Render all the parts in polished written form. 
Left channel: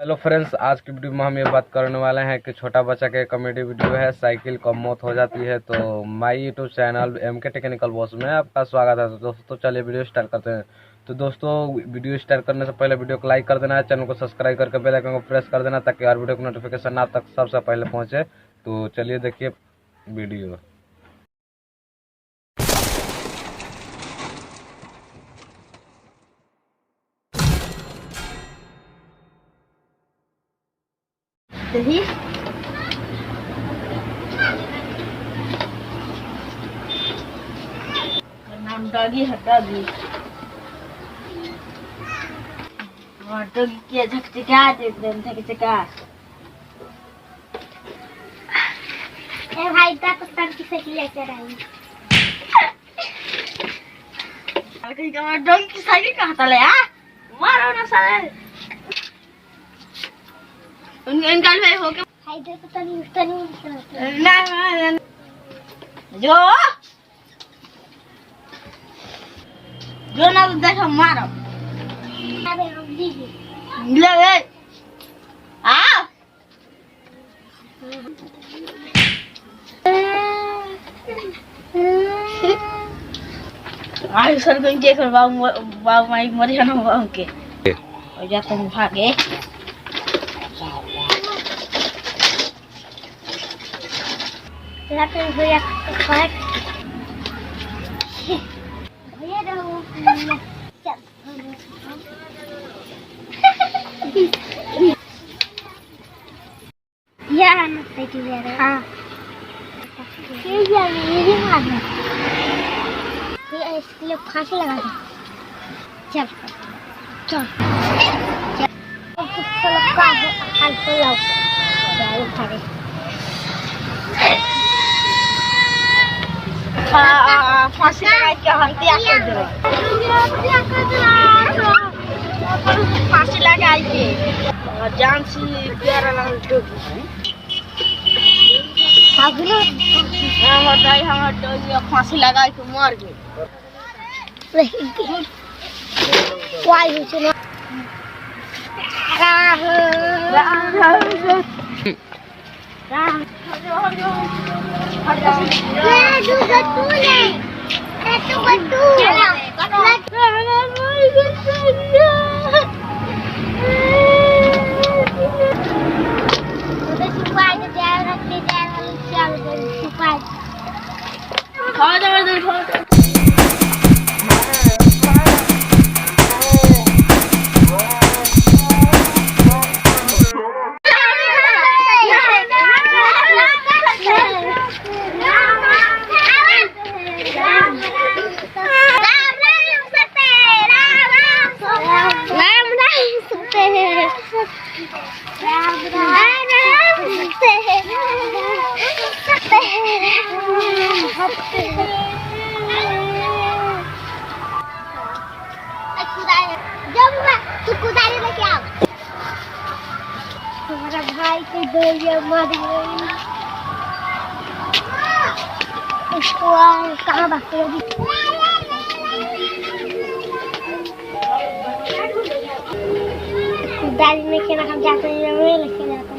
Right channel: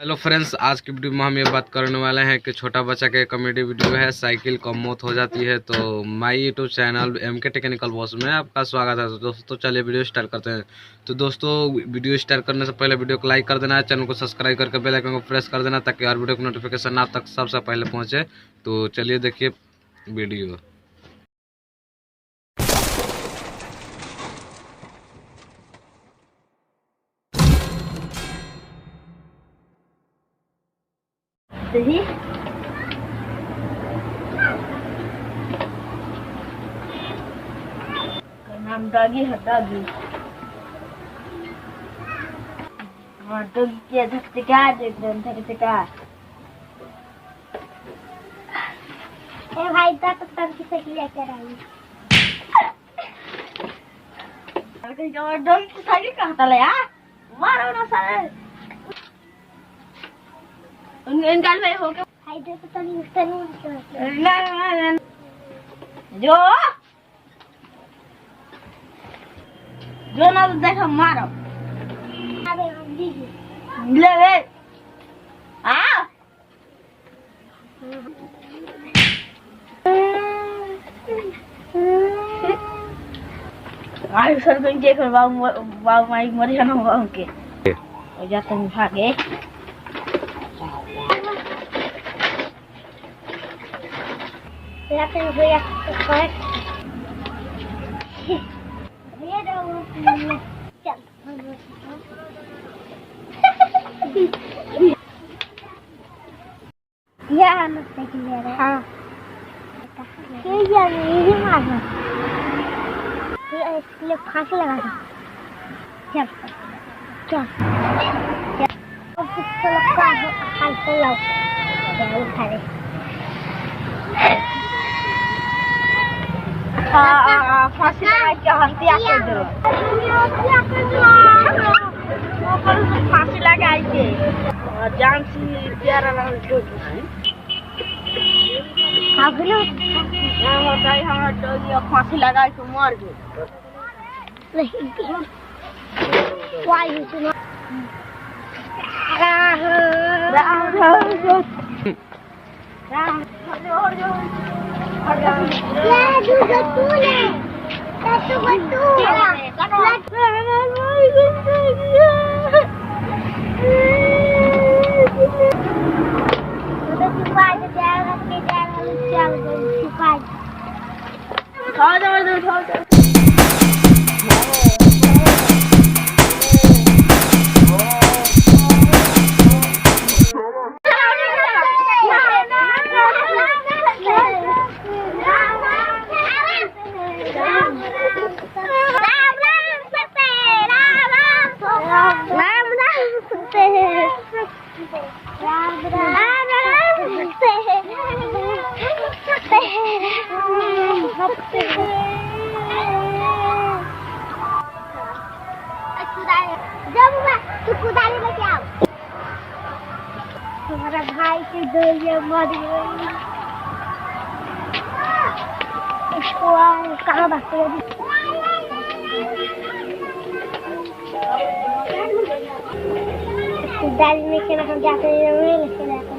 Hello friends, आज की video में हम ये बात करने वाले हैं कि छोटा बच्चा के कॉमेडी वीडियो है साइकिल कब मौत हो जाती है। तो my YouTube channel MK technical boss में आपका स्वागत है। तो दोस्तों चलिए वीडियो स्टार्ट करते हैं। तो दोस्तों वीडियो स्टार्ट करने से पहले वीडियो को लाइक कर देना है, चैनल को सब्सक्राइब करके बेल आइकन को प्रेस कर देना ताकि हर वीडियो की नोटिफिकेशन आप तक सबसे पहले पहुँचे। तो चलिए देखिए वीडियो। नाम डॉगी है। डॉगी हाँ डॉगी के झकझका देख रहे हैं झकझका। ए भाई तक तक की साइकिल लेकर आई। कहीं का डॉगी की साइकिल कहाँ था ले मारो ना साले इनका भाई हो के भाई देखो तनी ना जो ना तो देखो मारो। अरे हम दीजिए ले ले आ आई सर कहीं देखो बाबू माई मर जाना बाबू के और जाते हैं भागे। लाते भैया करेक्ट भैया दो चल या ना साइकिल ले रहा। हां ये या मेरी मारना ये इसके लिए फांसी लगा था। चल चल चल का हाल से लाओ चल उठाए फांसी लगा के हंतिया कर दे फांसी लगा के जान से प्यारा लगा भागलो हटाई हम डोगी फांसी लगा के मर गए। कोई हो चलो कुदारी लेके आओ। हमारा भाई की दो मर गई। इसको कहाँ भागते हो? कुदारी में खेला हम जाते हैं लेके जाते हैं।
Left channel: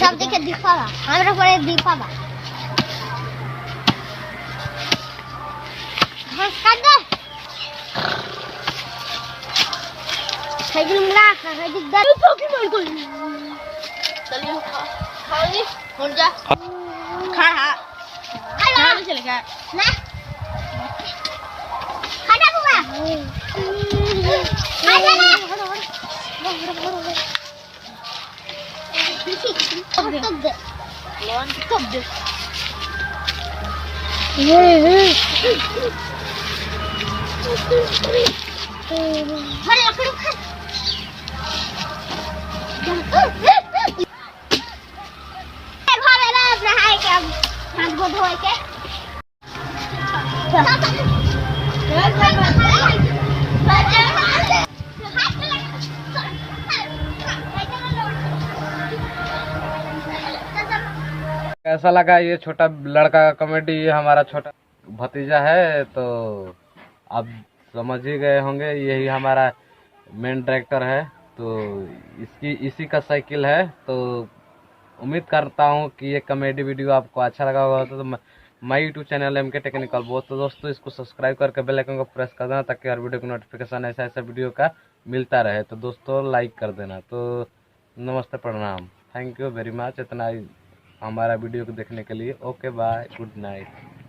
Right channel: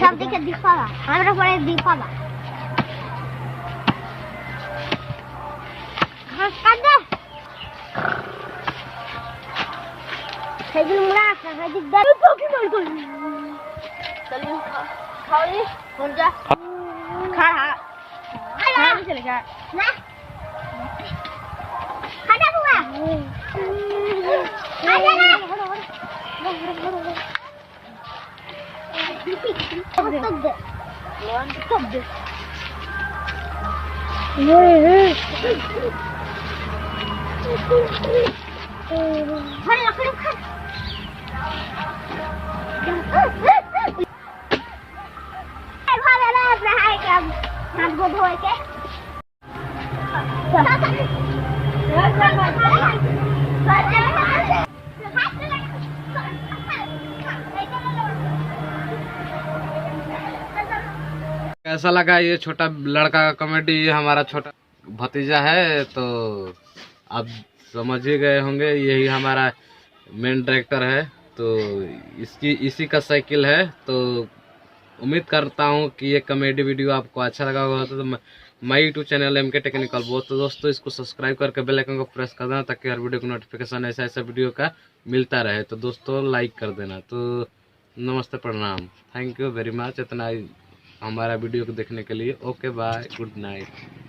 सब देखे दिखावा हमरा परे दीपावा घास काट दो साइकिल मुड़ा है दिक्कत तो की बोल कोई चलिए खाओगी हो जा खा खा नहीं चलेगा ना खाना बुआ आ जा तब दे खा हाथ धो के कैसा लगा ये छोटा लड़का का कॉमेडी? ये हमारा छोटा भतीजा है, तो आप समझ ही गए होंगे, यही हमारा मेन डायरेक्टर है। तो इसी का साइकिल है। तो उम्मीद करता हूँ कि ये कॉमेडी वीडियो आपको अच्छा लगा होगा। तो my YouTube channel MK technical boss, तो दोस्तों इसको सब्सक्राइब करके बेल आइकन को प्रेस कर देना, ताकि हर वीडियो को नोटिफिकेशन ऐसा वीडियो का मिलता रहे। तो दोस्तों लाइक कर देना। तो नमस्ते, प्रणाम, थैंक यू वेरी मच इतना हमारा वीडियो को देखने के लिए। Okay bye, good night.